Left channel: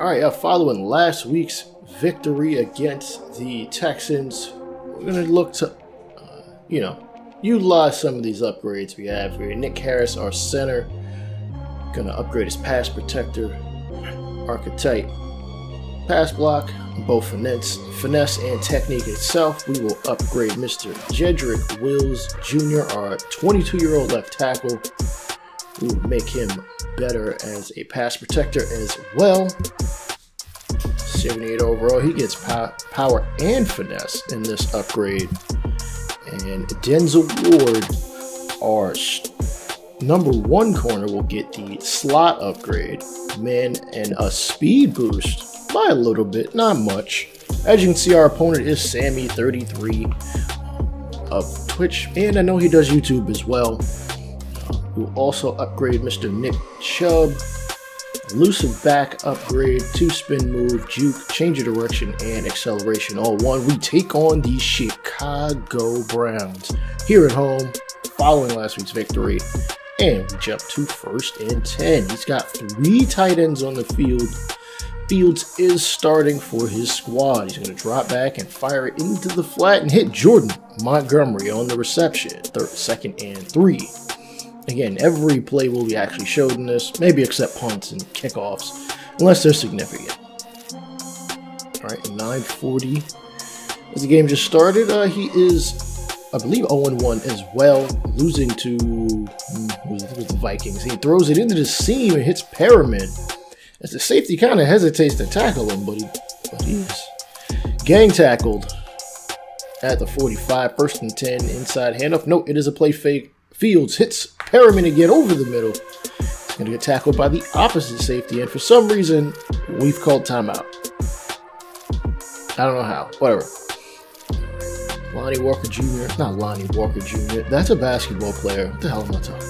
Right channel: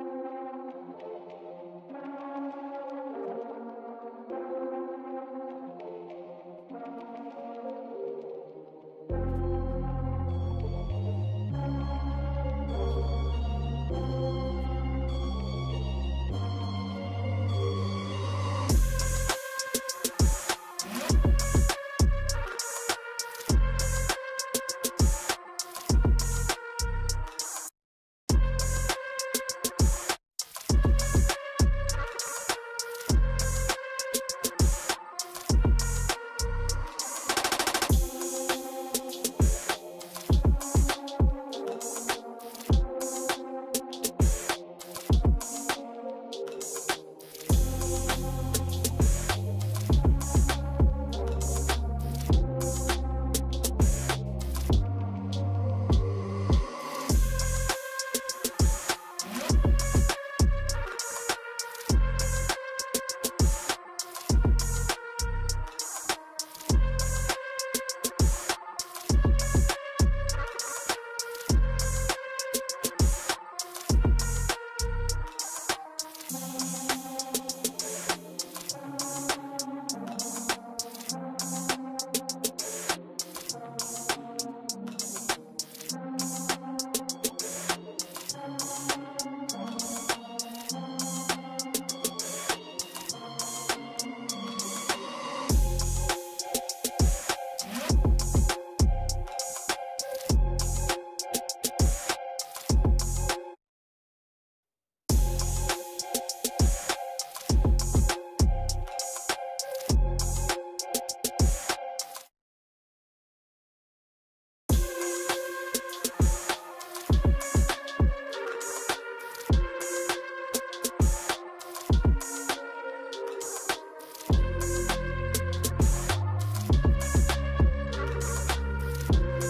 Alright, following last week's victory against the Texans, we're going to look to, utilize some of these upgrades we have here. Nick Harris, our center, going to upgrade his pass protector, archetype, pass block, both finesse and technique itself. We will upgrade Mr. Jedrick Wills Jr., our 22-year-old left tackle. We will make him better as a pass protector as well. 78 overall. He gets power and finesse in this upgrade. And Denzel Ward, our #1 corner, will get the slot upgrade. Man, and a speed boost by a little bit, not much. As you can see, our opponent is Sammy33 of Twitch, and I know he does YouTube as well. We'll also upgrade Mr. Nick Chubb. Elusive back upgrade, 2-spin move, juke, change of direction, and acceleration all one. We take on the Chicago Browns here at home following last week's victory. And we jump to 1st and 10. He's got 3 tight ends on the field. Fields is starting for his squad. He's going to drop back and fire it into the flat and hit Jordan Montgomery on the reception. 2nd and 3. Again, every play will be actually showed in this, maybe except punts and kickoffs, unless they're significant. Alright, 9:40. As the game just started, he is, I believe, 0-1 as well, losing to the Vikings. He throws it into the seam and hits Pyramid, as the safety kind of hesitates to tackle him, but he's gang tackled at the 45. 1st and 10, inside handoff. No, it is a play fake. Fields hits Pyramid again over the middle. Going to get tackled by the opposite safety, and for some reason, we've called timeout. I don't know how. Whatever. Lonnie Walker Jr. Not Lonnie Walker Jr. That's a basketball player. What the hell am I talking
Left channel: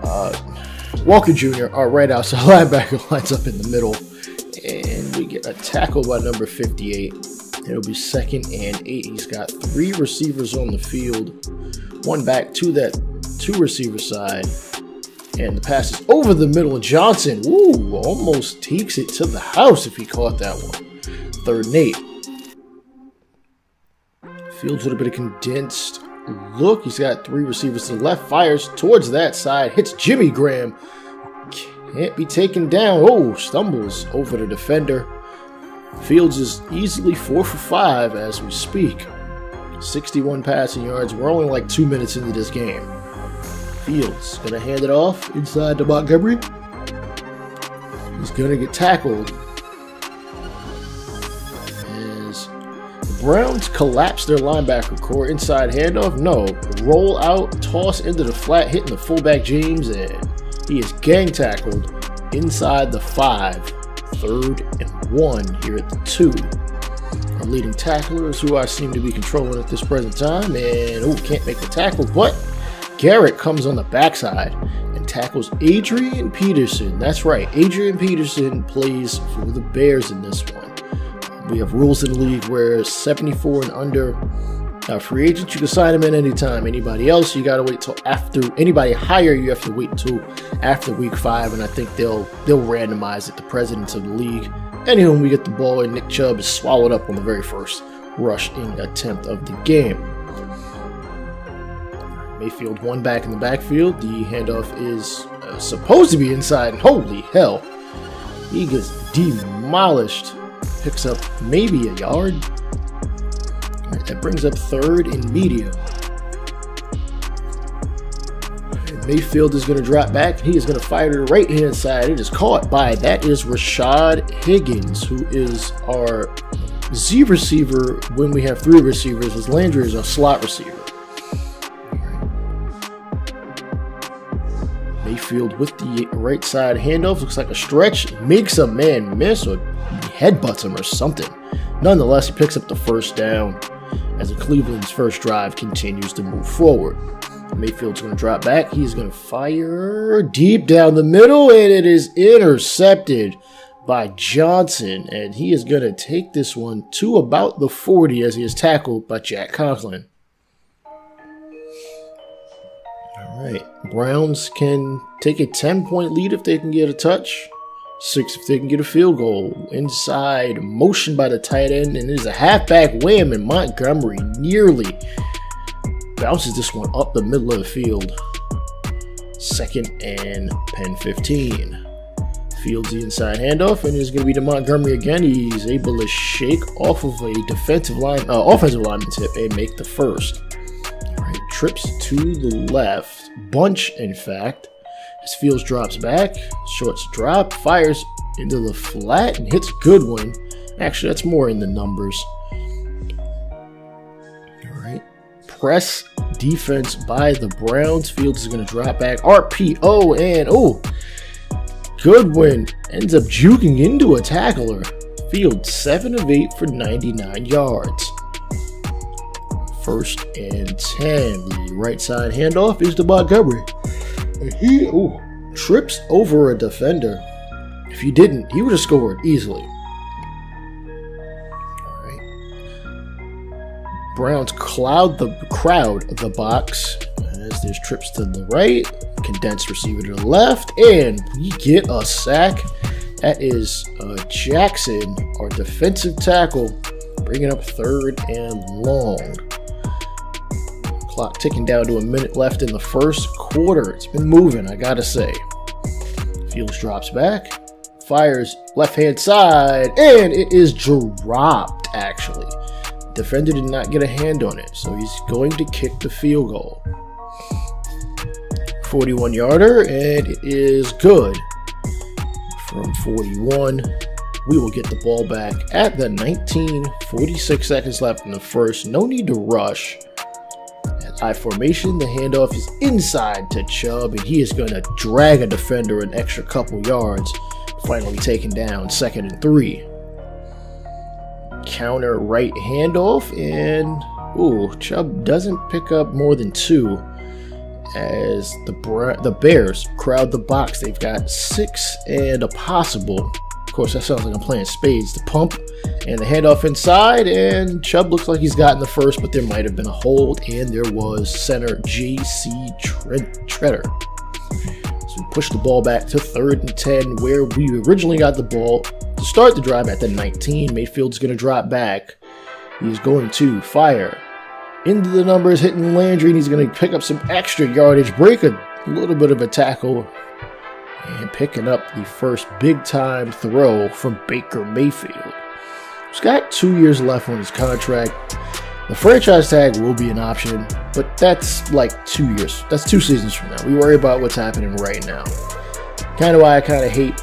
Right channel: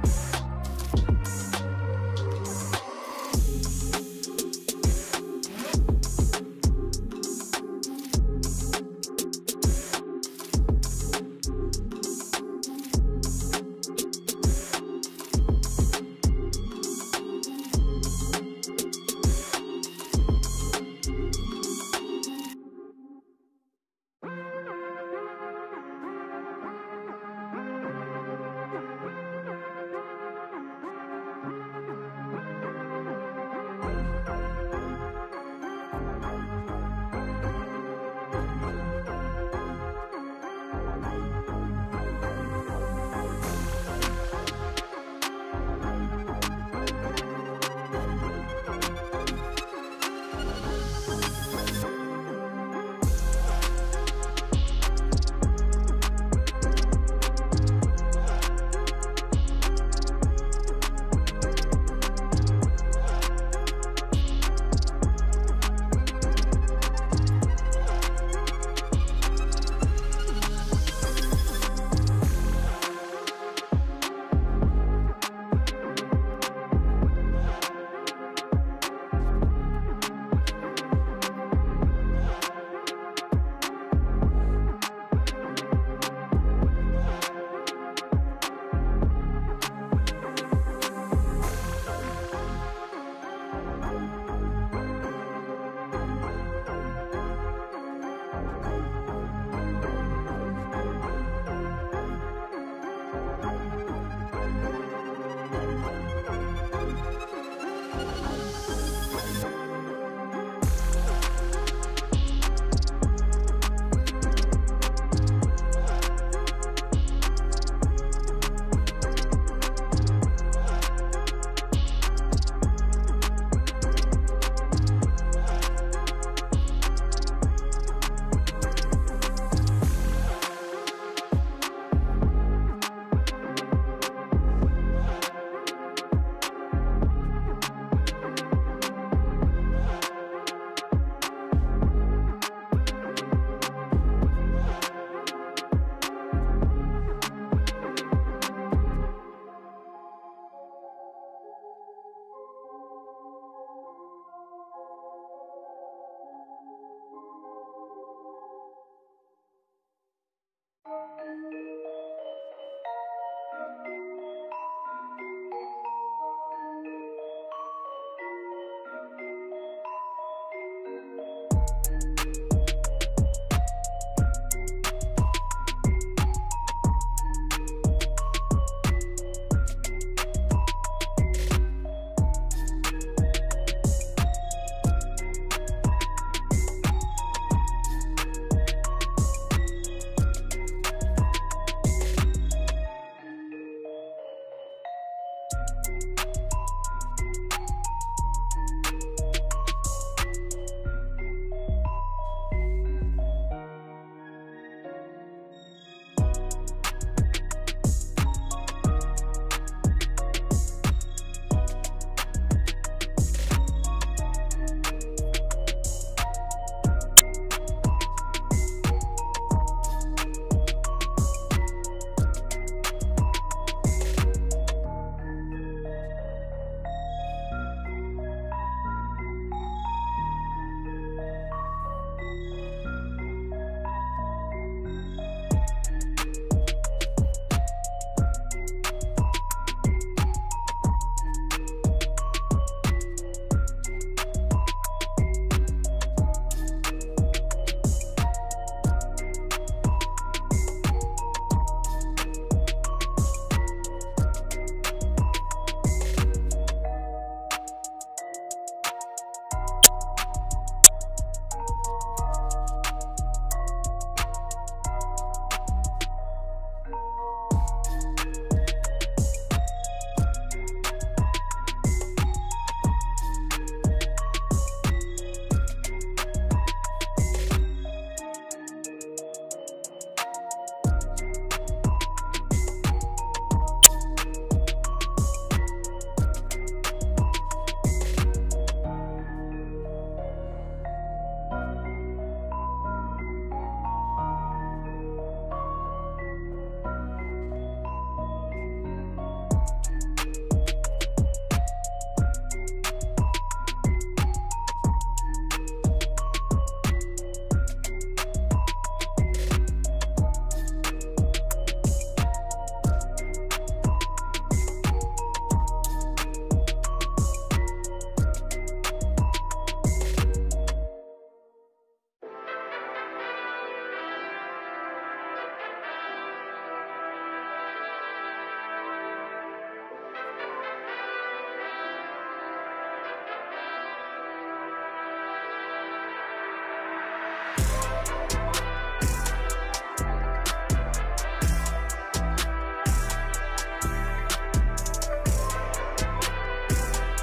about? Walker Jr., our right outside linebacker, lines up in the middle, and we get a tackle by number 58. It'll be 2nd and 8. He's got 3 receivers on the field. 1 back to that 2 receiver side, and the pass is over the middle, and Johnson, almost takes it to the house if he caught that one. 3rd and 8. Fields with a bit of condensed look. He's got 3 receivers to the left, fires towards that side, hits Jimmy Graham, can't be taken down. Stumbles over the defender. Fields is easily 4 for 5 as we speak. 61 passing yards. We're only like 2 minutes into this game. Fields gonna hand it off inside to Montgomery. He's gonna get tackled as Browns collapse their linebacker core. Inside handoff, no. Roll out, toss into the flat, hitting the fullback James, and he is gang tackled inside the 5. 3rd and 1 here at the 2. Our leading tackler is who I seem to be controlling at this present time, and can't make the tackle, but Garrett comes on the backside and tackles Adrian Peterson. That's right, Adrian Peterson plays for the Bears in this one. We have rules in the league where 74 and under free agents, you can sign them in anytime. Anybody else, you gotta wait till after. Anybody higher, you have to wait until after week 5, and I think they'll randomize it. The presidents of the league. Anywho, we get the ball, and Nick Chubb is swallowed up on the very first rushing attempt of the game. Mayfield 1 back in the backfield. The handoff is supposed to be inside. Holy hell. He gets demolished. Picks up maybe a yard. That brings up 3rd and medium. Mayfield is going to drop back. He is going to fire to the right-hand side. It is caught by, that is Rashad Higgins, who is our Z receiver when we have 3 receivers, as Landry is our slot receiver. Mayfield with the right side handoff. Looks like a stretch. Makes a man miss or headbutts him or something. Nonetheless, he picks up the 1st down as the Cleveland's first drive continues to move forward. Mayfield's going to drop back. He's going to fire deep down the middle, and it is intercepted by Johnson. And he is going to take this one to about the 40 as he is tackled by Jack Conklin. All right, Browns can take a 10-point lead if they can get a touch. 6 if they can get a field goal. Inside, motion by the tight end, and it is a halfback wham, and Montgomery nearly bounces this one up the middle of the field. 2nd and Penn 15. Fields the inside handoff, and it's going to be to Montgomery again. He's able to shake off of a offensive lineman's hip and make the first. All right, trips to the left, bunch in fact. As Fields drops back, shorts drop, fires into the flat and hits Goodwin. Actually, that's more in the numbers. All right, press defense by the Browns. Fields is going to drop back, RPO, and Goodwin ends up juking into a tackler. Fields 7 of 8 for 99 yards. 1st and 10. The right side handoff is to Montgomery. He trips over a defender. If he didn't, he would have scored easily. All right. Browns crowd the box as there's trips to the right. Condensed receiver to the left, and we get a sack. That is Jackson, our defensive tackle, bringing up 3rd and long. Clock ticking down to a minute left in the first quarter. It's been moving, I gotta say. Fields drops back, fires left-hand side, and it is dropped, actually. Defender did not get a hand on it, so he's going to kick the field goal. 41-yarder, and it is good. From 41, we will get the ball back at the 19. 46 seconds left in the first. No need to rush. I formation, the handoff is inside to Chubb, and he is going to drag a defender an extra couple yards. Finally taken down, 2nd and 3. Counter right handoff, and Chubb doesn't pick up more than 2. As the Bears crowd the box. They've got 6 and a possible. Of course, that sounds like I'm playing spades. The pump and the handoff inside, and Chubb looks like he's gotten the first, but there might have been a hold, and there was center J.C. Treader. So we push the ball back to 3rd and 10, where we originally got the ball to start the drive at the 19. Mayfield's going to drop back. He's going to fire into the numbers, hitting Landry, and he's going to pick up some extra yardage, break a little bit of a tackle, and picking up the first big-time throw from Baker Mayfield. He's got 2 years left on his contract. The franchise tag will be an option, but that's like 2 years. That's 2 seasons from now. We worry about what's happening right now. Kind of why I kind of hate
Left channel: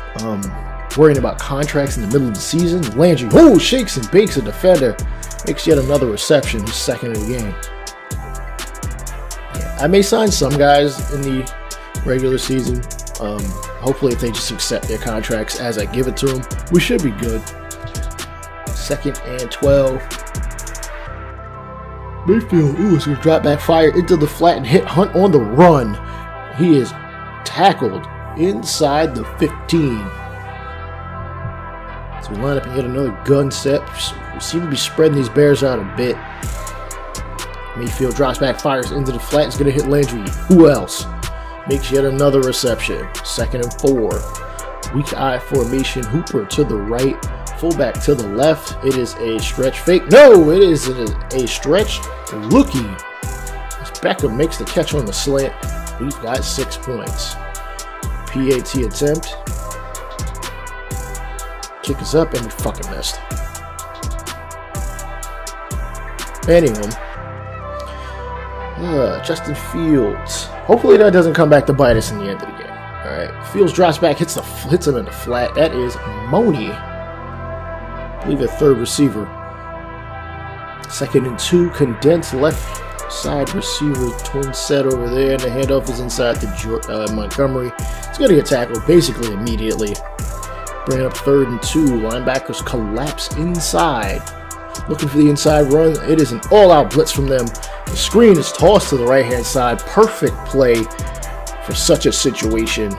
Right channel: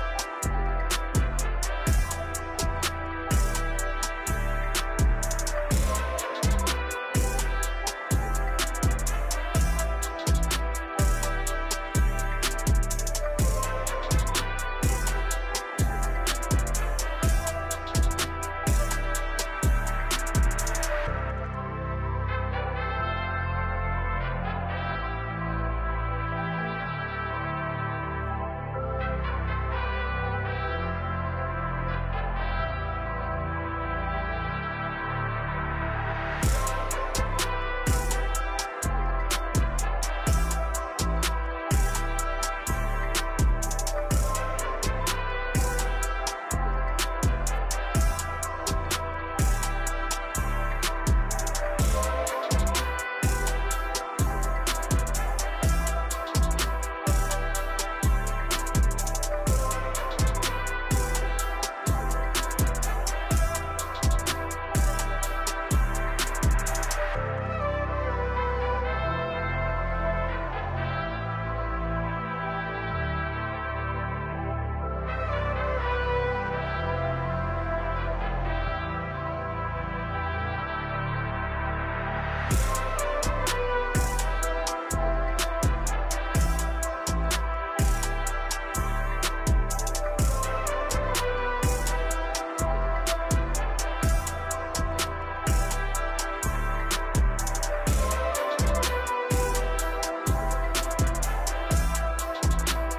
worrying about contracts in the middle of the season. Landry, shakes and bakes a defender. Makes yet another reception, 2nd of the game. I may sign some guys in the regular season. Hopefully, if they just accept their contracts as I give it to them, we should be good. 2nd and 12. Mayfield, is going to drop back, fire into the flat, and hit Hunt on the run. He is tackled inside the 15. So we line up and get another gun set. We seem to be spreading these Bears out a bit. Mayfield drops back, fires into the flat. It's going to hit Landry. Who else? Makes yet another reception. 2nd and 4. Weak eye formation. Hooper to the right. Fullback to the left. It is a stretch fake. No, it is a stretch looking. As Beckham makes the catch on the slant. We've got 6 points. PAT attempt. Kick us up, and we fucking missed. Anyway, Justin Fields. Hopefully that doesn't come back to bite us in the end of the game. All right, Fields drops back, hits him in the flat. That is Money. I believe a 3rd receiver. 2nd and 2, condensed left side receiver, twin set over there, and the handoff is inside to Montgomery. He's going to get tackled basically immediately. Bringing up 3rd and 2. Linebackers collapse inside. Looking for the inside run. It is an all-out blitz from them. The screen is tossed to the right-hand side. Perfect play for such a situation.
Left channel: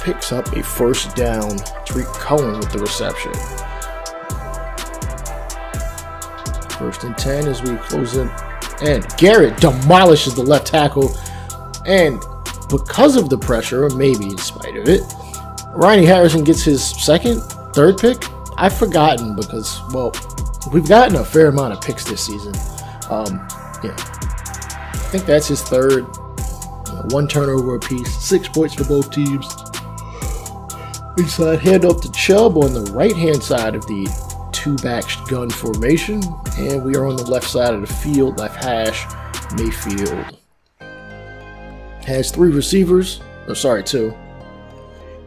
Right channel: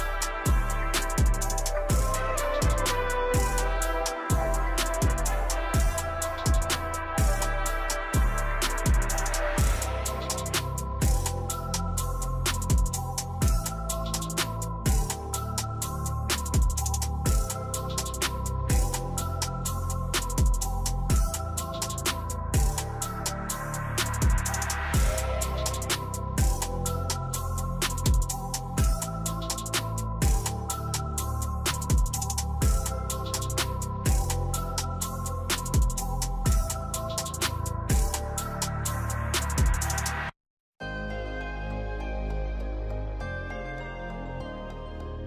Picks up a 1st down. Tariq Cohen with the reception. 1st and 10 as we close in. And Garrett demolishes the left tackle. And because of the pressure, or maybe in spite of it, Ronnie Harrison gets his third pick. I've forgotten because, well, we've gotten a fair amount of picks this season. Yeah, I think that's his third. 1 turnover apiece, 6 points for both teams. Inside handoff to Chubb on the right-hand side of the 2-back gun formation, and we are on the left side of the field, left hash. Mayfield has 3 receivers. Oh, sorry, 2.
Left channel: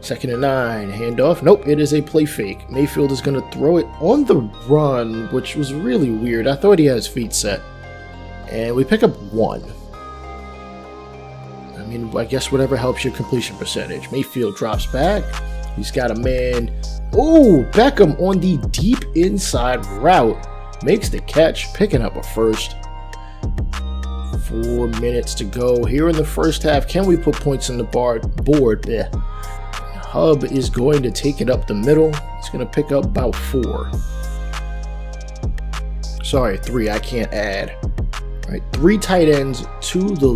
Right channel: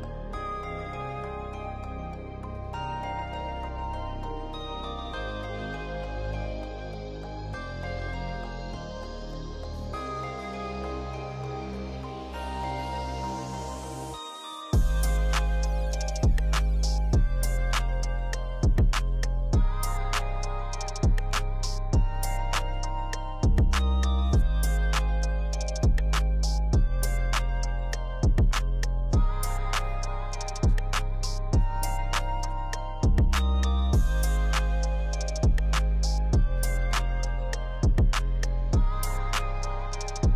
2nd and 9, handoff. Nope, it is a play fake. Mayfield is going to throw it on the run, which was really weird. I thought he had his feet set. And we pick up 1. I mean, I guess whatever helps your completion percentage. Mayfield drops back. He's got a man. Oh, Beckham on the deep inside route. Makes the catch, picking up a first. 4 minutes to go here in the first half. Can we put points on the board? Yeah. Hub is going to take it up the middle. It's going to pick up about 4. Sorry, 3. I can't add. All right, 3 tight ends to the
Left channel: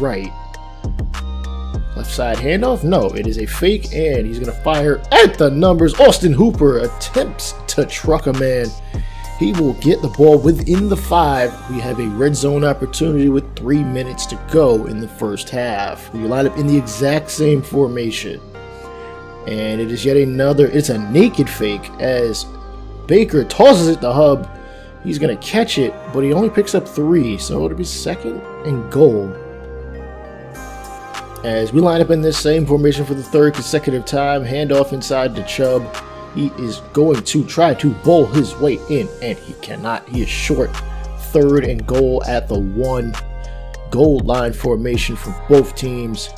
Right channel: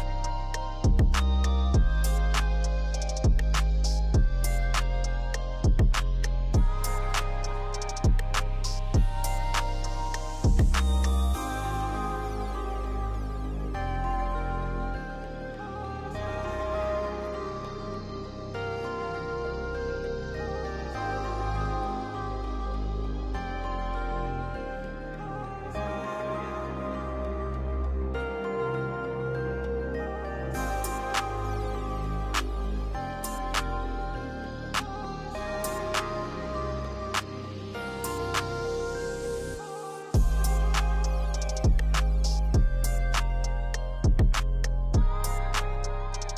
right. Left side handoff. No, it is a fake, and he's going to fire at the numbers. Austin Hooper attempts to truck a man. He will get the ball within the 5. We have a red zone opportunity with 3 minutes to go in the first half. We line up in the exact same formation. And it is yet another, it's a naked fake as Baker tosses it to Hub. He's going to catch it, but he only picks up 3, so it'll be 2nd and goal. As we line up in this same formation for the 3rd consecutive time, handoff inside to Chubb. He is going to try to bowl his way in, and he cannot. He is short. 3rd and goal at the 1. Goal line formation for both teams.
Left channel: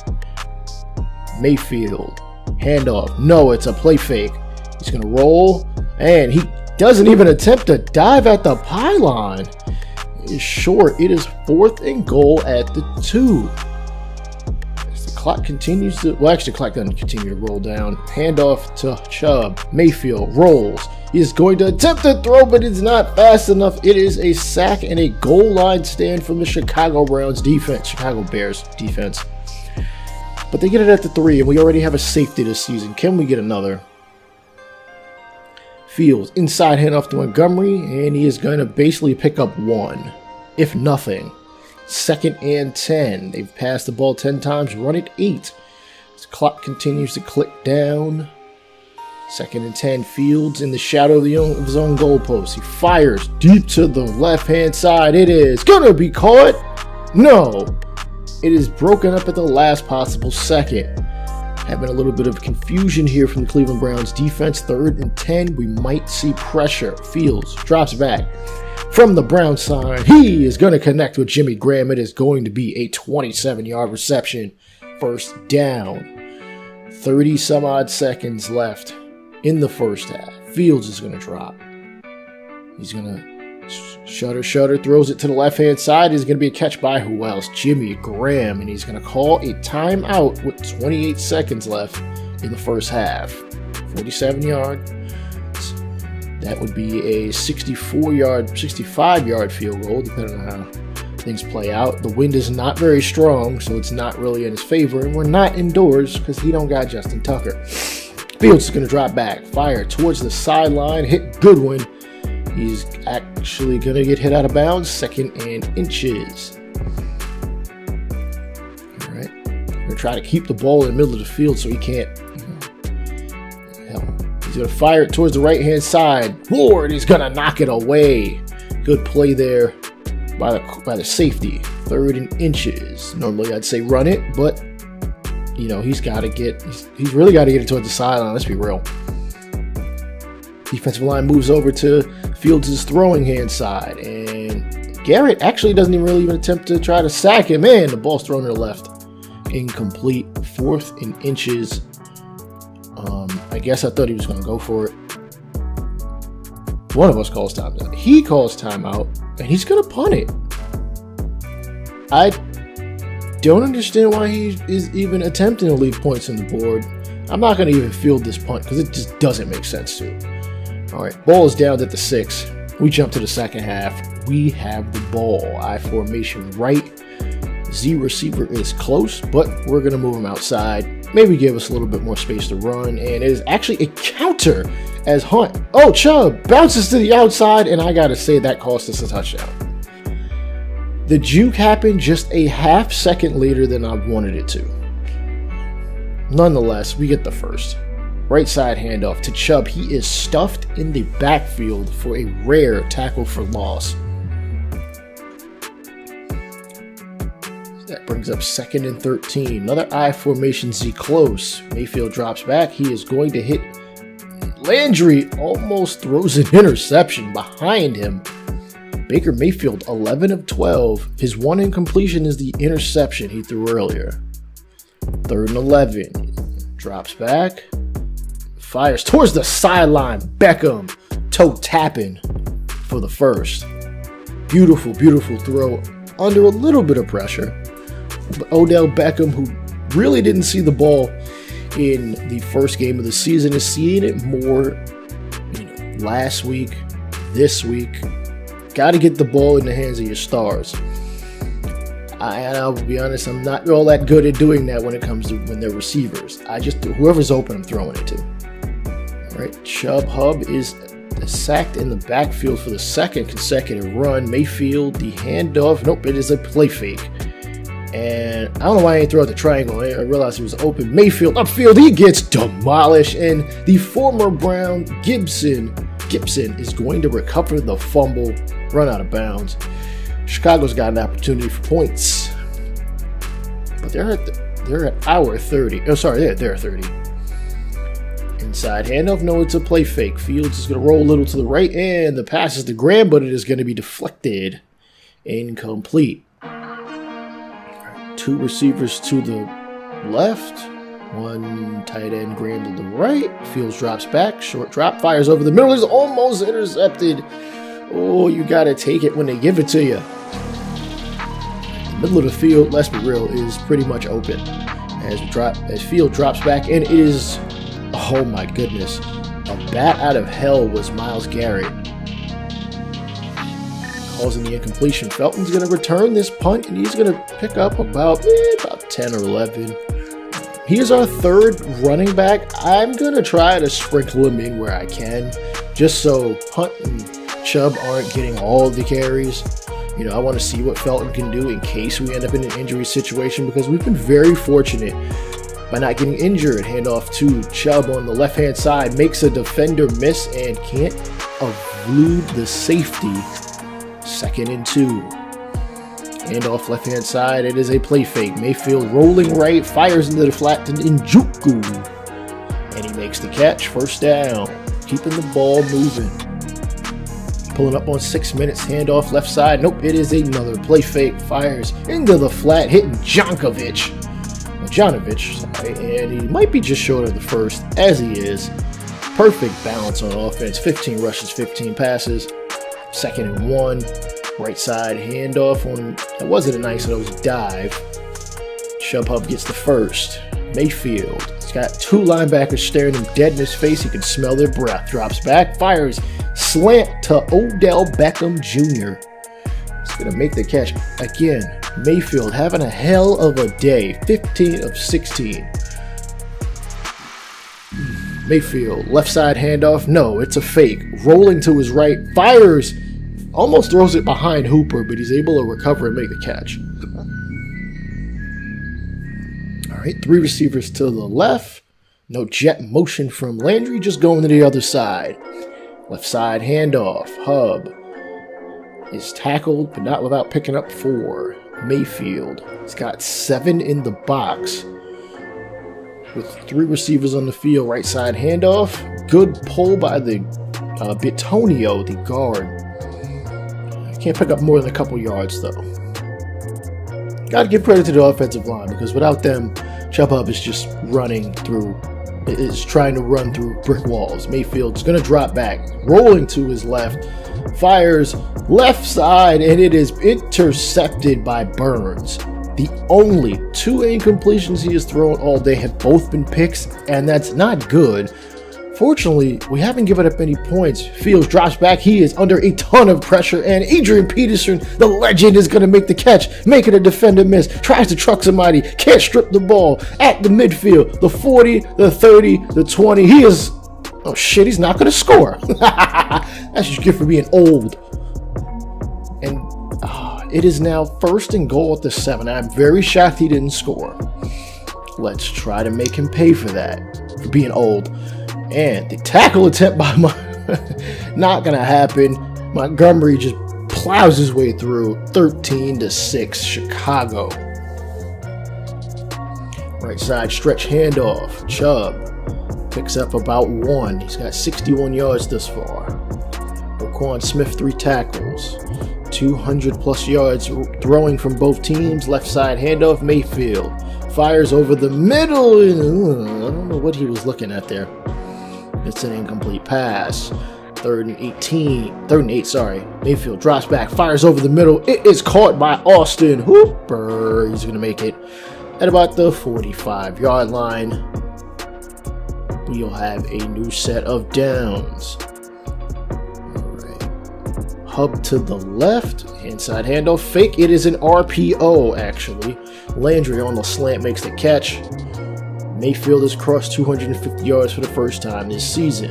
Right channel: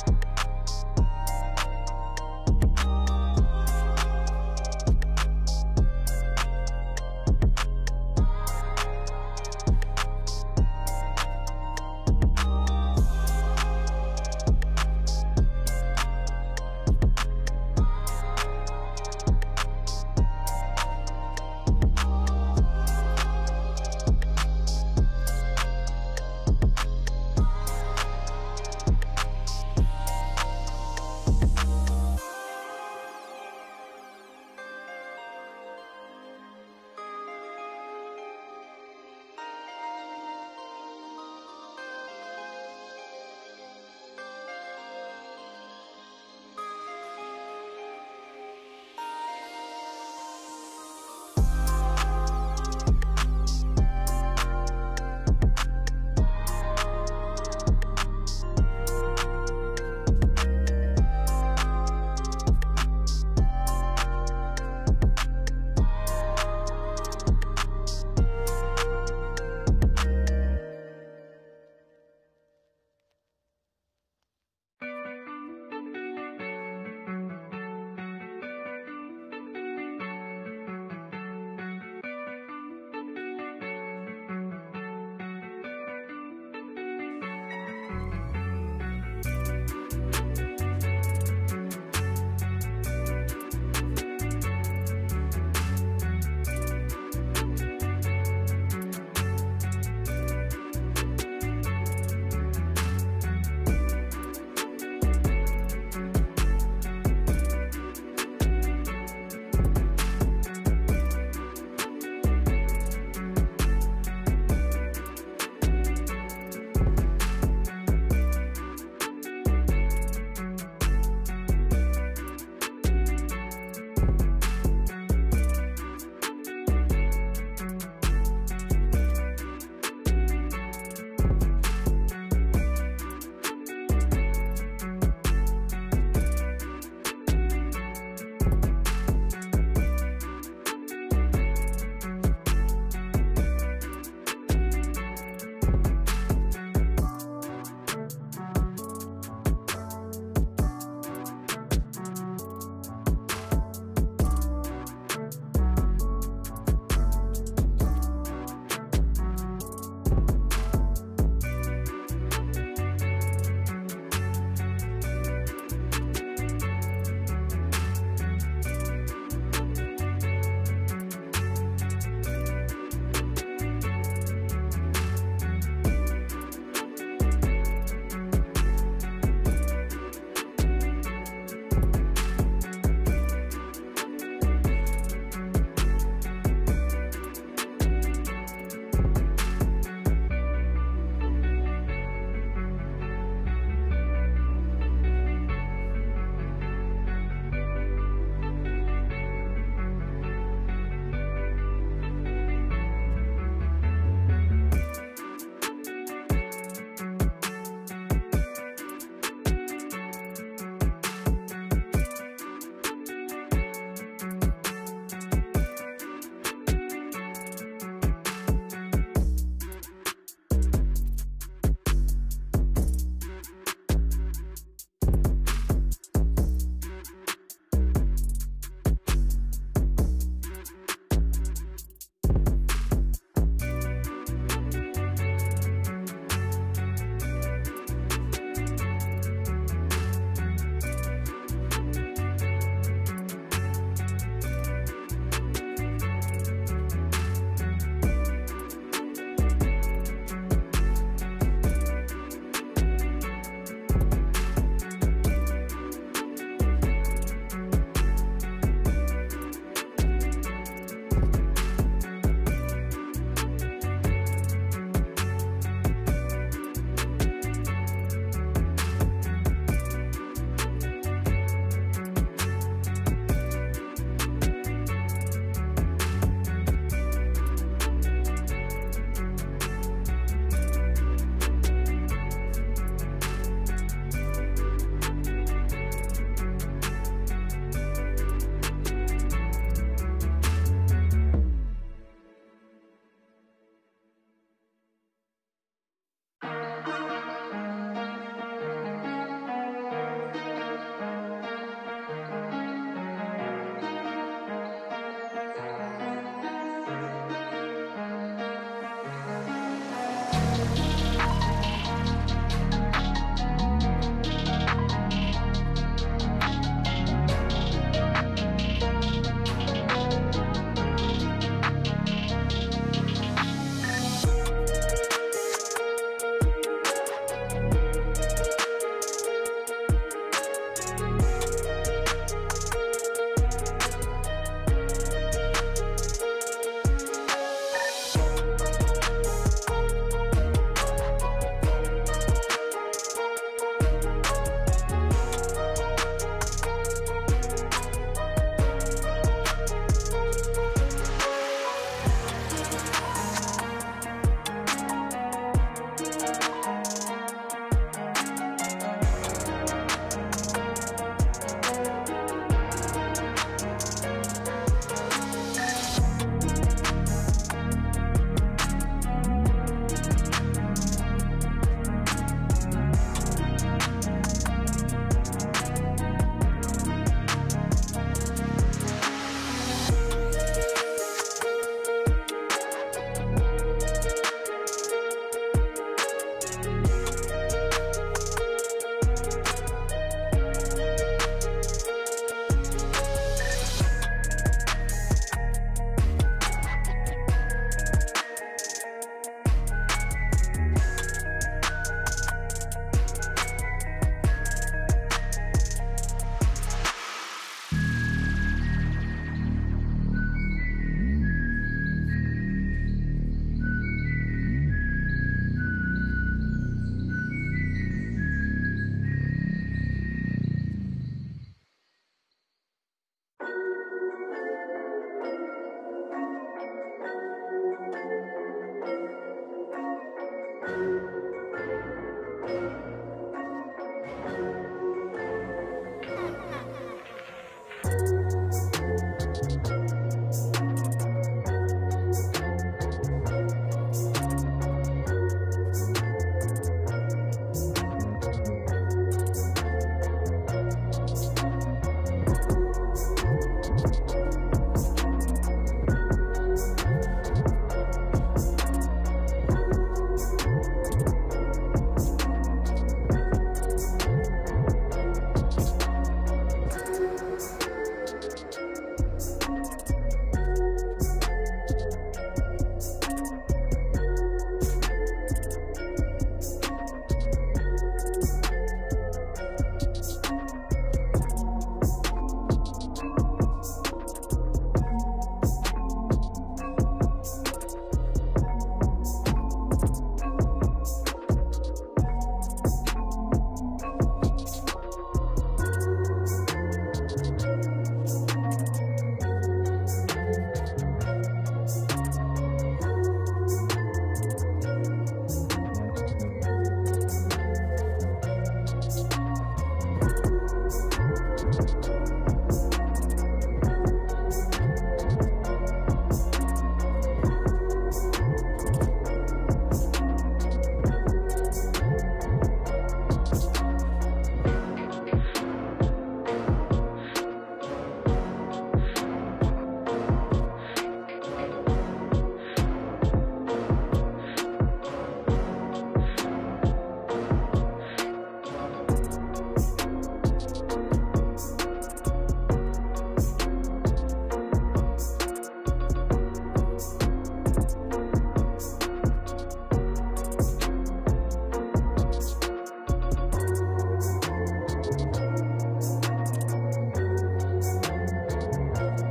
Mayfield, handoff. No, it's a play fake. He's going to roll, and he doesn't even attempt to dive at the pylon. He is short. It is 4th and goal at the 2. Clock continues to, well, actually the clock doesn't continue to roll down. Handoff to Chubb. Mayfield rolls. He is going to attempt to throw, but it's not fast enough. It is a sack and a goal line stand from the Chicago Bears defense. But they get it at the 3, and we already have a safety this season. Can we get another? Fields, inside handoff to Montgomery, and he is going to basically pick up 1, if nothing. 2nd and 10. They've passed the ball 10 times, run it 8. The clock continues to click down. 2nd and 10. Fields in the shadow of his own goalpost. He fires deep to the left-hand side. It is gonna be caught. No. It is broken up at the last possible second. Having a little bit of confusion here from the Cleveland Browns defense. 3rd and 10. We might see pressure. Fields drops back. From the Brown side, he is going to connect with Jimmy Graham. It is going to be a 27-yard reception. 1st down. 30-some-odd seconds left in the first half. Fields is going to drop. He's going to shutter, throws it to the left-hand side. It's going to be a catch by who else? Jimmy Graham. And he's going to call a timeout with 28 seconds left in the first half. 47-yard. That would be a 65-yard field goal, depending on how things play out. The wind is not very strong, so it's not really in his favor. And we're not indoors because he don't got Justin Tucker. Fields is going to drop back, fire towards the sideline, hit Goodwin. He's actually going to get hit out of bounds, 2nd and inches. All right. We're going to try to keep the ball in the middle of the field so he can't. He's going to fire it towards the right-hand side. Ward is going to knock it away. Good play there by the safety. 3rd and inches. Normally I'd say run it, but you know, he's really got to get it towards the sideline. Let's be real. Defensive line moves over to Fields' throwing hand side, and Garrett actually doesn't even attempt to try to sack him. Man, the ball's thrown to the left. Incomplete. 4th and inches. I guess I thought he was going to go for it. One of us calls timeout. He calls timeout, and he's going to punt it. I don't understand why he is even attempting to leave points on the board. I'm not going to even field this punt because it just doesn't make sense to me. All right, ball is down at the 6. We jump to the second half. We have the ball. I formation right. Z receiver is close, but we're going to move him outside. maybe give us a little bit more space to run, and it is actually a counter as Hunt. Oh, Chubb bounces to the outside, and I gotta say that cost us a touchdown. The juke happened just a half second later than I wanted it to. Nonetheless, we get the first. Right side handoff to Chubb. He is stuffed in the backfield for a rare tackle for loss. That brings up 2nd and 13. Another I formation Z close. Mayfield drops back. He is going to hit Landry. Almost throws an interception behind him. Baker Mayfield, 11 of 12. His one incompletion is the interception he threw earlier. 3rd and 11. Drops back. Fires towards the sideline. Beckham toe tapping for the first. Beautiful, beautiful throw under a little bit of pressure. But Odell Beckham, who really didn't see the ball in the first game of the season, is seeing it more last week, this week. Got to get the ball in the hands of your stars. I'll be honest, I'm not all that good at doing that when it comes to when they're receivers. I just do whoever's open, I'm throwing it to. All right, Chubb Hub is sacked in the backfield for the 2nd consecutive run. Mayfield, the handoff. Nope, it is a play fake. And I don't know why I didn't throw out the triangle. I realized it was open. Mayfield upfield, he gets demolished. And the former Brown Gibson is going to recover the fumble, run out of bounds. Chicago's got an opportunity for points, but they're at our 30. Oh, sorry, they're 30. Inside handoff. No, it's a play fake. Fields is going to roll a little to the right, and the pass is to Graham, but it is going to be deflected. Incomplete. 2 receivers to the left. 1 tight end, Graham to the right. Fields drops back. Short drop. Fires over the middle. Is almost intercepted. Oh, you got to take it when they give it to you. The middle of the field, let's be real, is pretty much open. As Field drops back, and it is, oh my goodness, a bat out of hell was Myles Garrett. Causing the incompletion. Felton's going to return this punt, and he's going to pick up about 10 or 11. He is our 3rd running back. I'm going to try to sprinkle him in where I can, just so Hunt and Chubb aren't getting all of the carries. I want to see what Felton can do in case we end up in an injury situation, because we've been very fortunate by not getting injured. Handoff to Chubb on the left-hand side. Makes a defender miss and can't elude the safety. 2nd and 2. Handoff left-hand side. It is a play fake. Mayfield rolling right. Fires into the flat to Njoku. And he makes the catch. 1st down. Keeping the ball moving. Pulling up on 6 minutes. Handoff left side. Nope, it is another play fake. Fires into the flat. Hitting Jonovich. Sorry. And he might be just short of the first, as he is. Perfect balance on offense. 15 rushes, 15 passes. 2nd and 1. Right side handoff on, it wasn't a nice nose dive. Chubb Hub gets the first. Mayfield. He's got 2 linebackers staring him dead in his face. He can smell their breath. Drops back. Fires. Slant to Odell Beckham Jr. He's going to make the catch. Again, Mayfield having a hell of a day. 15 of 16. Mayfield. Left side handoff. No, it's a fake. Rolling to his right. Fires. Almost throws it behind Hooper, but he's able to recover and make the catch. All right, 3 receivers to the left. No jet motion from Landry, just going to the other side. Left side handoff. Hub is tackled, but not without picking up 4. Mayfield. He's got 7 in the box. With 3 receivers on the field. Right side handoff. Good pull by the Bitonio, the guard. Can't pick up more than a couple yards, though. Got to give credit to the offensive line, because without them, Chubb Hub is just trying to run through brick walls. Mayfield's going to drop back, rolling to his left, fires left side, and it is intercepted by Burns. The only 2 incompletions he has thrown all day have both been picks, and that's not good Fortunately, we haven't given up any points. Fields drops back. He is under a ton of pressure, and Adrian Peterson, the legend, is going to make the catch, making a defender miss. Tries to truck somebody, can't strip the ball at the midfield. The 40, the 30, the 20. He is... oh shit, he's not going to score. That's just good for being old. And it is now 1st and goal at the 7. I'm very shocked he didn't score. Let's try to make him pay for that, for being old. And the tackle attempt by not gonna happen. Montgomery just plows his way through. 13-6, Chicago. Right side stretch handoff. Chubb picks up about 1. He's got 61 yards thus far. Roquan Smith 3 tackles. 200+ yards throwing from both teams. Left side handoff. Mayfield fires over the middle. I don't know what he was looking at there. It's an incomplete pass. 3rd and 8, sorry. Mayfield drops back, fires over the middle. It is caught by Austin Hooper. He's going to make it at about the 45-yard line. We'll have a new set of downs. All right. Hub to the left. Inside handoff. Fake. It is an RPO, actually. Landry on the slant makes the catch. Mayfield has crossed 250 yards for the first time this season.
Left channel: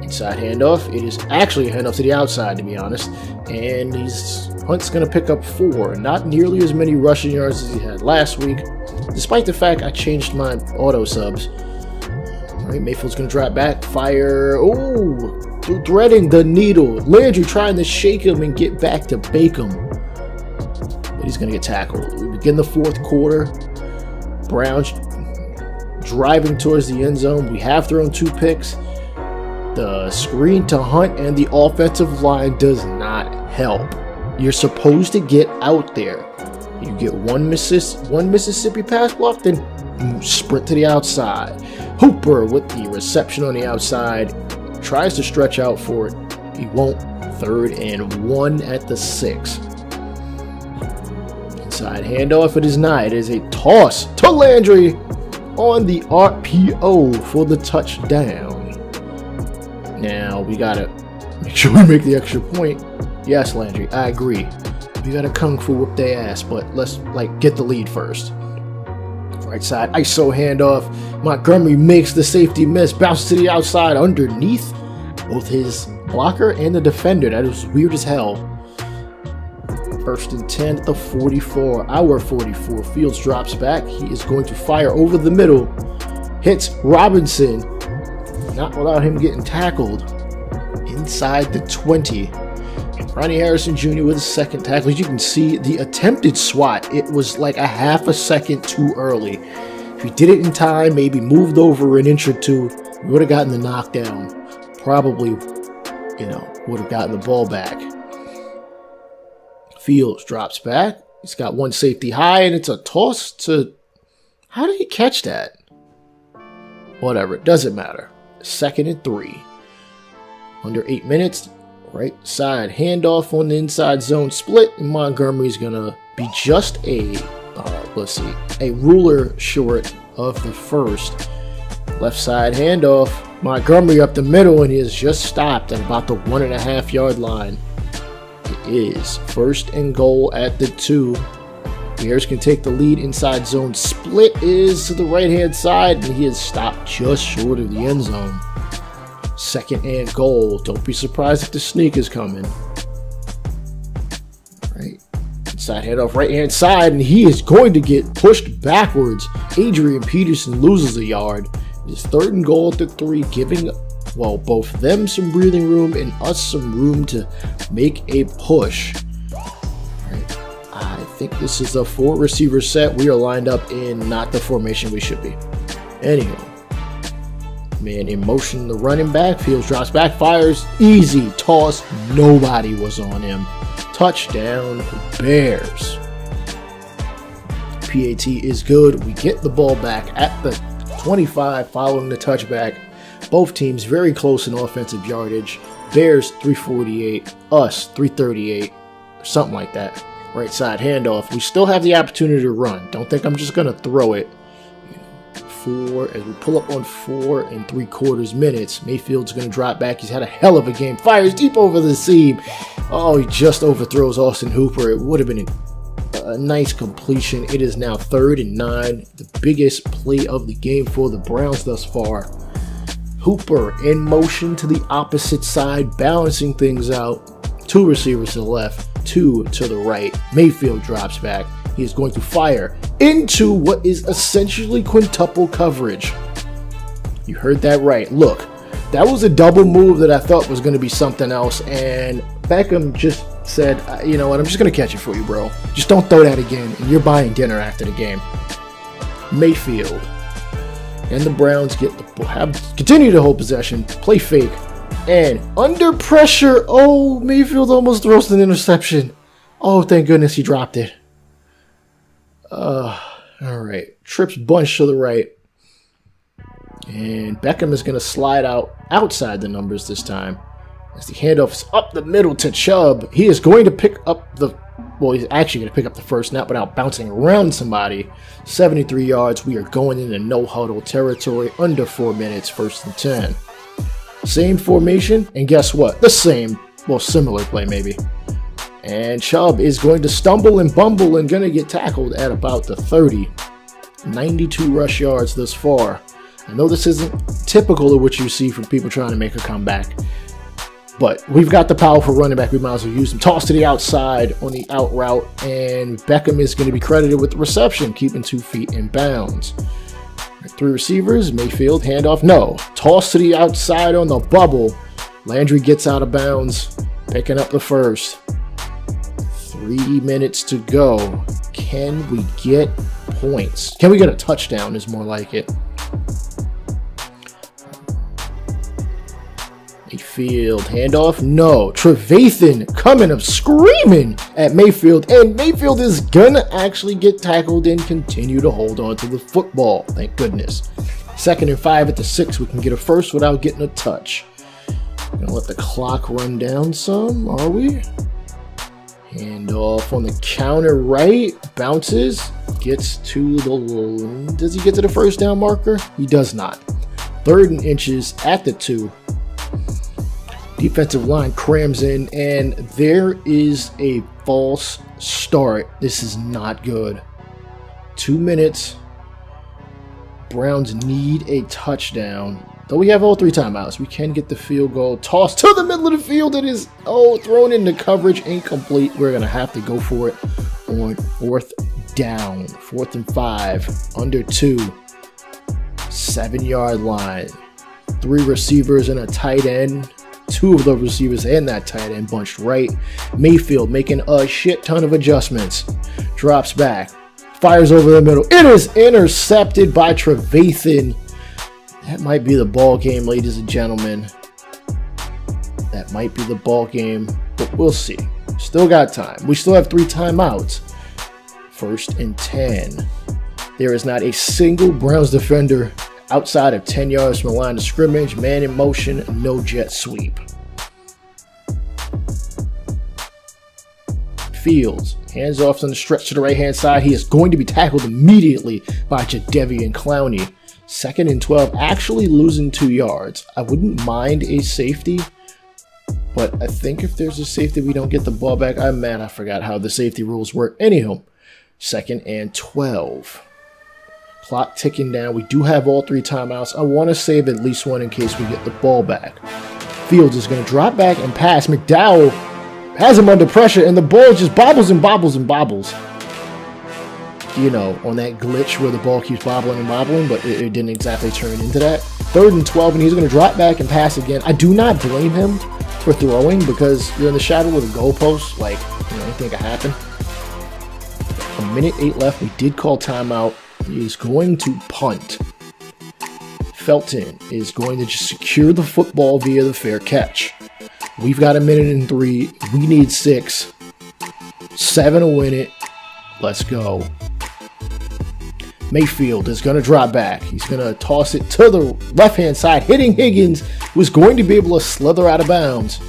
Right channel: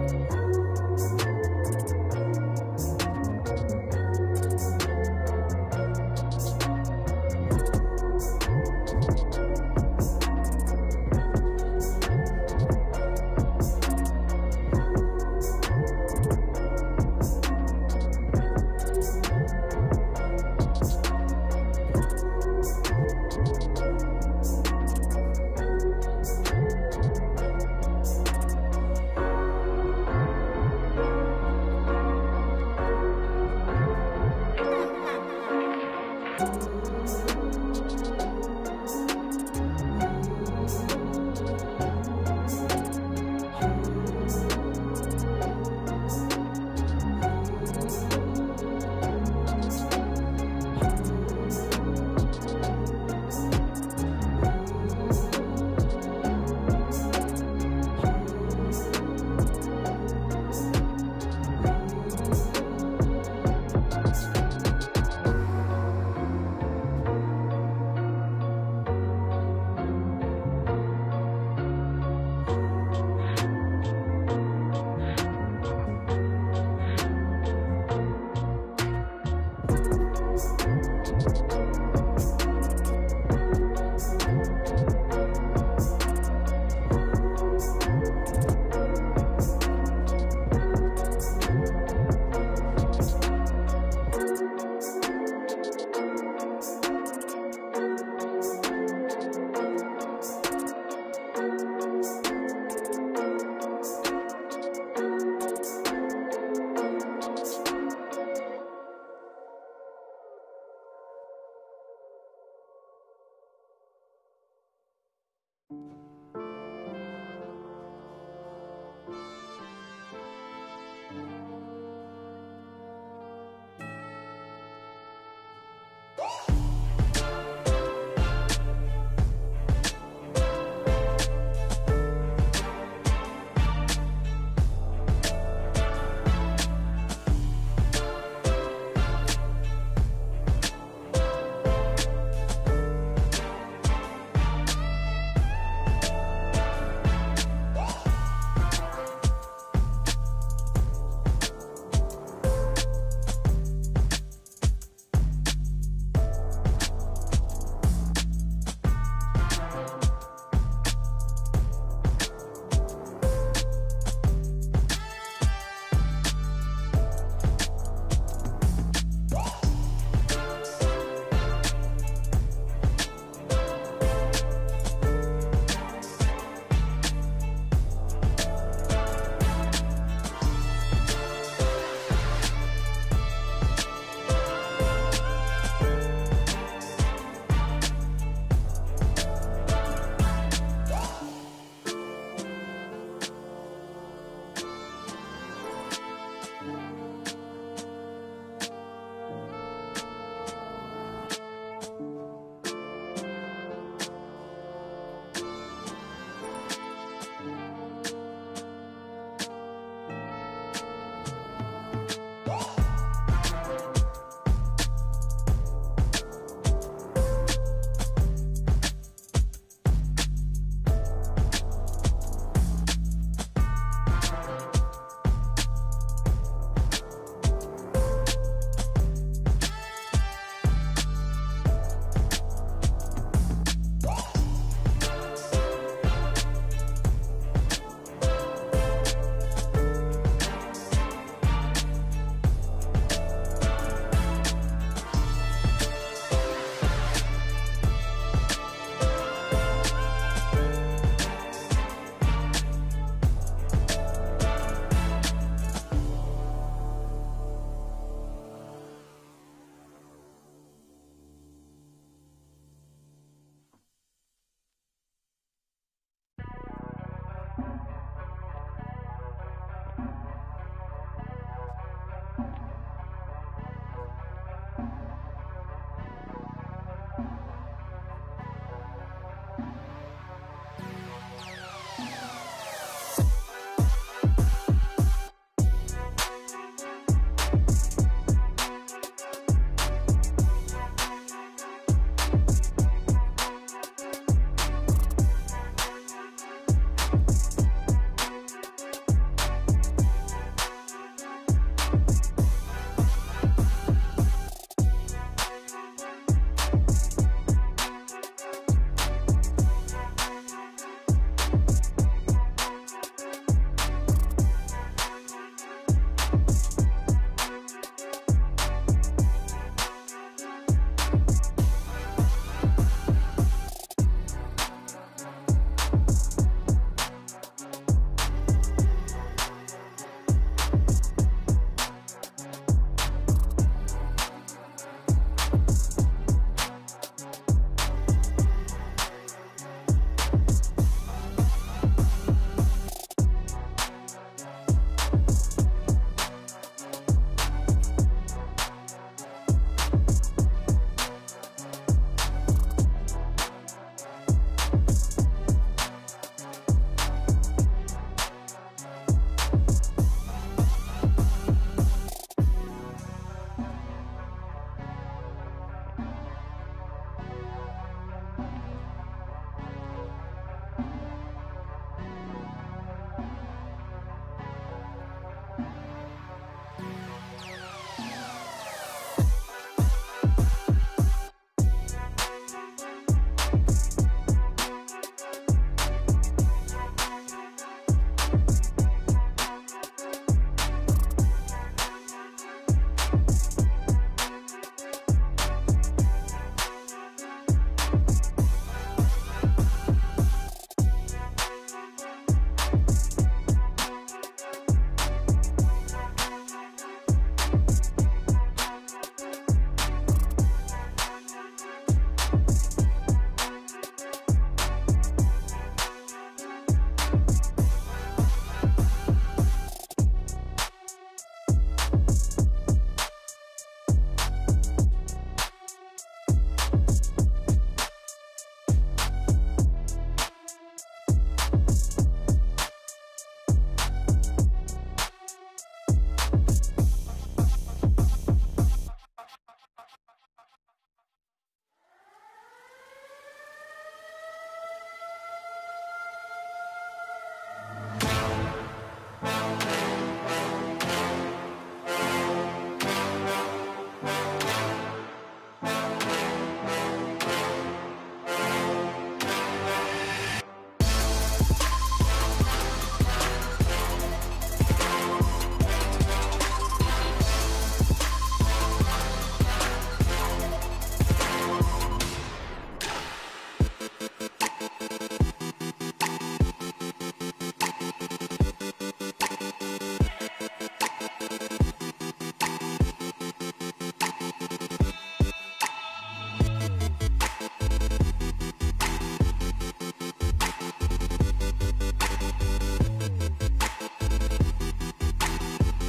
Inside handoff. It is actually a handoff to the outside, to be honest. And Hunt's going to pick up 4. Not nearly as many rushing yards as he had last week, despite the fact I changed my auto subs. All right, Mayfield's going to drop back. Fire. Oh, threading the needle. Landry trying to shake him and get back to bake him. But he's going to get tackled. We begin the 4th quarter. Browns driving towards the end zone. We have thrown 2 picks. The screen to Hunt and the offensive line does not help. You're supposed to get out there. You get one Mississippi pass block, then sprint to the outside. Hooper with the reception on the outside. Tries to stretch out for it. He won't. 3rd and 1 at the 6. Inside handoff. It is not. It is a toss to Landry on the RPO for the touchdown. Now we gotta make sure we make the extra point. Yes, Landry, I agree. We gotta kung fu whip their ass, but let's get the lead first. Right side ISO handoff. Montgomery makes the safety miss, bounces to the outside underneath both his blocker and the defender. That is weird as hell. 1st and 10 at the 44. Our 44. Fields drops back. He is going to fire over the middle. Hits Robinson. Not without him getting tackled. Inside the 20. Ronnie Harrison Jr. with a 2nd tackle. As you can see, the attempted swat, it was like a half a second too early. If he did it in time, maybe moved over an inch or 2, we would have gotten the knockdown. Probably, would have gotten the ball back. Fields drops back. He's got 1 safety high, and it's a toss to... How did he catch that? Whatever, it doesn't matter. 2nd and 3. Under 8 minutes. Right side handoff on the inside zone split, and Montgomery's gonna be just a ruler short of the 1st. Left side handoff. Montgomery up the middle, and he is just stopped at about the 1.5-yard line. It is 1st and goal at the 2. Bears can take the lead. Inside zone split is to the right-hand side, and he is stopped just short of the end zone. 2nd and goal. Don't be surprised if the sneak is coming. Right. Inside handoff right-hand side, and he is going to get pushed backwards. Adrian Peterson loses a yard. It is 3rd and goal at the 3, giving, well, both them some breathing room and us some room to make a push. I think this is a 4-receiver set. We are lined up in not the formation we should be. Anyway. Man in motion, the running back. Fields drops back, fires. Easy toss. Nobody was on him. Touchdown, Bears. PAT is good. We get the ball back at the 25 following the touchback. Both teams very close in offensive yardage. Bears 348, us 338, or something like that. Right side handoff. We still have the opportunity to run. Don't think I'm just going to throw it. as we pull up on 4 3/4 minutes. Mayfield's going to drop back. He's had a hell of a game. Fires deep over the seam. Oh, he just overthrows Austin Hooper. It would have been a nice completion. It is now 3rd and 9. The biggest play of the game for the Browns thus far. Hooper in motion to the opposite side, balancing things out. 2 receivers to the left, 2 to the right. Mayfield drops back. He is going to fire into what is essentially quintuple coverage. You heard that right. Look, that was a double move that I thought was going to be something else, and Beckham just said, you know what, I'm just going to catch it for you, bro. Just don't throw that again, and you're buying dinner after the game. Mayfield and the Browns continue to hold possession, play fake, and under pressure, oh, Mayfield almost throws an interception. Oh, thank goodness he dropped it. All right, trips bunch to the right. And Beckham is going to slide outside the numbers this time. As the handoff is up the middle to Chubb. He is going to pick up he's actually going to pick up the first snap without bouncing around somebody. 73 yards. We are going into no huddle territory. Under 4 minutes, 1st and 10. Same formation, and guess what? The same, similar play maybe. And Chubb is going to stumble and bumble and going to get tackled at about the 30. 92 rush yards thus far. I know this isn't typical of what you see from people trying to make a comeback, but we've got the powerful running back. We might as well use him. Toss to the outside on the out route, and Beckham is going to be credited with the reception, keeping 2 feet in bounds. 3 receivers, Mayfield, handoff, no. Toss to the outside on the bubble. Landry gets out of bounds, picking up the first. 3 minutes to go. Can we get points? Can we get a touchdown is more like it. Mayfield, handoff, no. Trevathan coming up screaming at Mayfield, and Mayfield is gonna actually get tackled and continue to hold on to the football, thank goodness. 2nd and 5 at the 6, we can get a first without getting a touch. Gonna let the clock run down some, are we? Handoff on the counter right, bounces, gets to the, does he get to the first down marker? He does not. 3rd and inches at the 2. Defensive line crams in, and there is a false start. This is not good. 2 minutes. Browns need a touchdown. Though we have all 3 timeouts, we can get the field goal. Toss to the middle of the field. It is, thrown into coverage, incomplete. We're going to have to go for it on 4th down. 4th and 5, under 2. 7-yard line. 3 receivers and a tight end. 2 of the receivers and that tight end bunched right. Mayfield making a shit ton of adjustments. Drops back. Fires over the middle. It is intercepted by Trevathan. That might be the ball game, ladies and gentlemen. That might be the ball game, but we'll see. Still got time. We still have 3 timeouts. 1st and 10. There is not a single Browns defender outside of 10 yards from the line of scrimmage. Man in motion, no jet sweep. Fields, hands off on the stretch to the right-hand side. He is going to be tackled immediately by Jadeveon Clowney. 2nd and 12, actually losing 2 yards. I wouldn't mind a safety, but I think if there's a safety, we don't get the ball back. I forgot how the safety rules work. Anyhow, 2nd and 12. Clock ticking down. We do have all 3 timeouts. I want to save at least one in case we get the ball back. Fields is going to drop back and pass. McDowell has him under pressure, and the ball just bobbles and bobbles and bobbles. You know, on that glitch where the ball keeps bobbling and bobbling, but it didn't exactly turn into that. 3rd and 12, and he's going to drop back and pass again. I do not blame him for throwing because you're in the shadow of the goalpost. Like, anything can happen. 1:08 left. We did call timeout. He is going to punt. Felton is going to just secure the football via the fair catch. We've got 1:03. We need 6. 7 to win it. Let's go. Mayfield is going to drop back. He's going to toss it to the left-hand side, hitting Higgins, who's going to be able to slither out of bounds.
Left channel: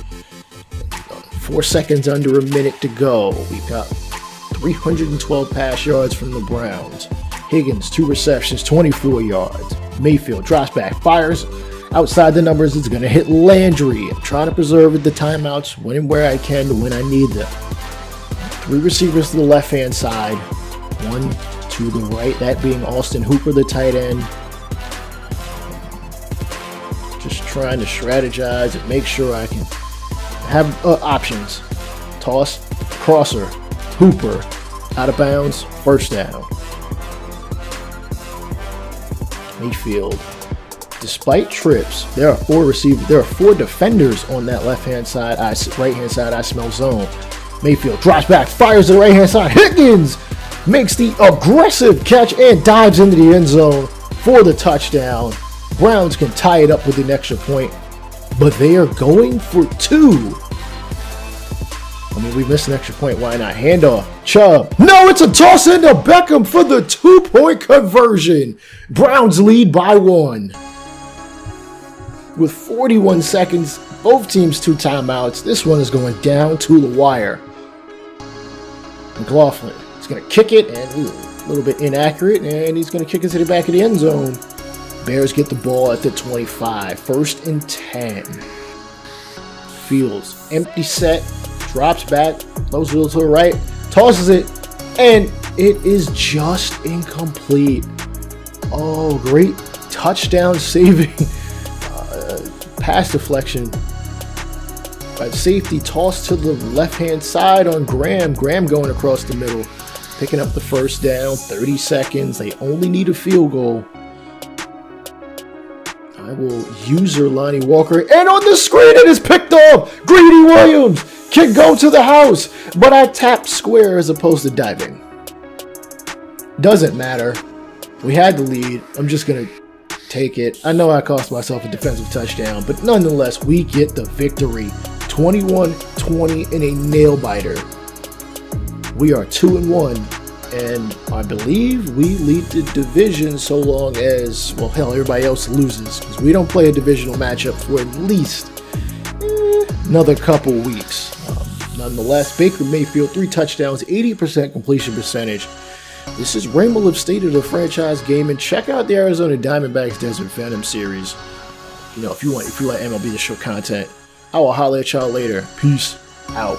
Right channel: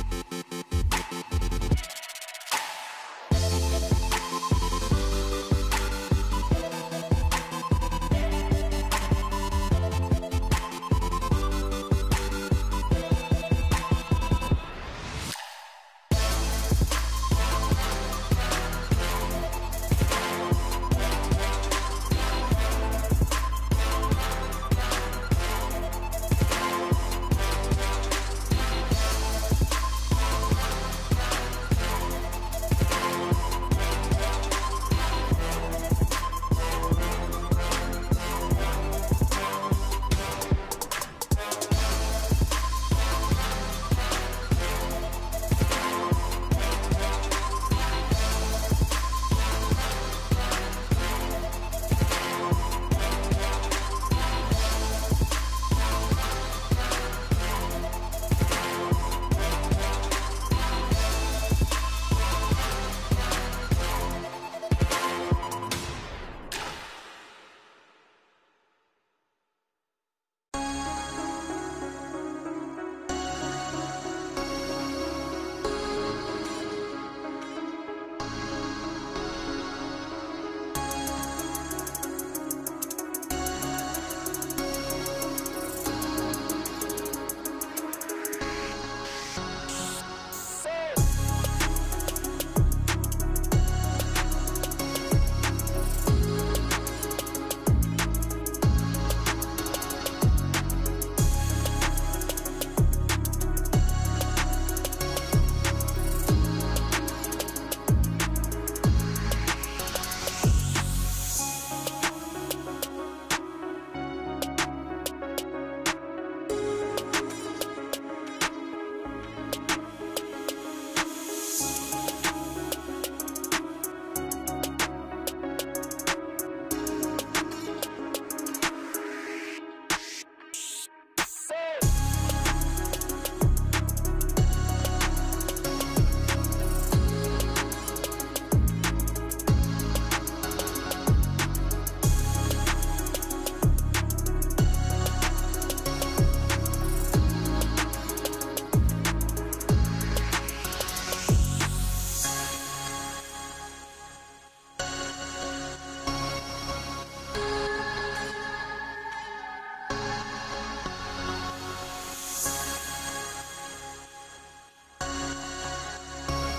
4 seconds, under a minute to go. We got 312 pass yards from the Browns. Higgins, 2 receptions, 24 yards. Mayfield drops back, fires. Outside the numbers, it's going to hit Landry. I'm trying to preserve the timeouts when and where I can when I need them. 3 receivers to the left-hand side. 1 to the right, that being Austin Hooper, the tight end. Just trying to strategize and make sure I can have options. Toss, crosser, Hooper, out of bounds, first down. Mayfield. Despite trips, there are 4 receivers. There are 4 defenders on that left-hand side, right-hand side. I smell zone. Mayfield drops back, fires to the right-hand side. Higgins makes the aggressive catch and dives into the end zone for the touchdown. Browns can tie it up with an extra point, but they are going for 2. I mean, we missed an extra point. Why not? Handoff. Chubb. No, it's a toss into Beckham for the 2-point conversion. Browns lead by 1. With 41 seconds, both teams 2 timeouts. This one is going down to the wire. McLaughlin is going to kick it, and a little bit inaccurate, and he's going to kick it to the back of the end zone. Bears get the ball at the 25. 1st and 10. Fields, empty set, drops back, throws wheels to the right, tosses it, and it is just incomplete. Oh, great touchdown saving pass deflection by the safety, toss to the left-hand side on Graham. Graham going across the middle, picking up the first down. 30 seconds. They only need a field goal. I will user Lonnie Walker, and on the screen it is picked off. Greedy Williams can go to the house, but I tapped square as opposed to diving. Doesn't matter. We had the lead. I'm just gonna take it. I know I cost myself a defensive touchdown, but nonetheless, we get the victory. 21-20 in a nail-biter. We are 2-1, and I believe we lead the division so long as, well, hell, everybody else loses, because we don't play a divisional matchup for at least another couple weeks. Nonetheless, Baker Mayfield, 3 touchdowns, 80% completion percentage. This is Rainbow Lip State of the Franchise Game, and check out the Arizona Diamondbacks Desert Phantom series. You know, if you like MLB The Show content, I will holler at y'all later. Peace out.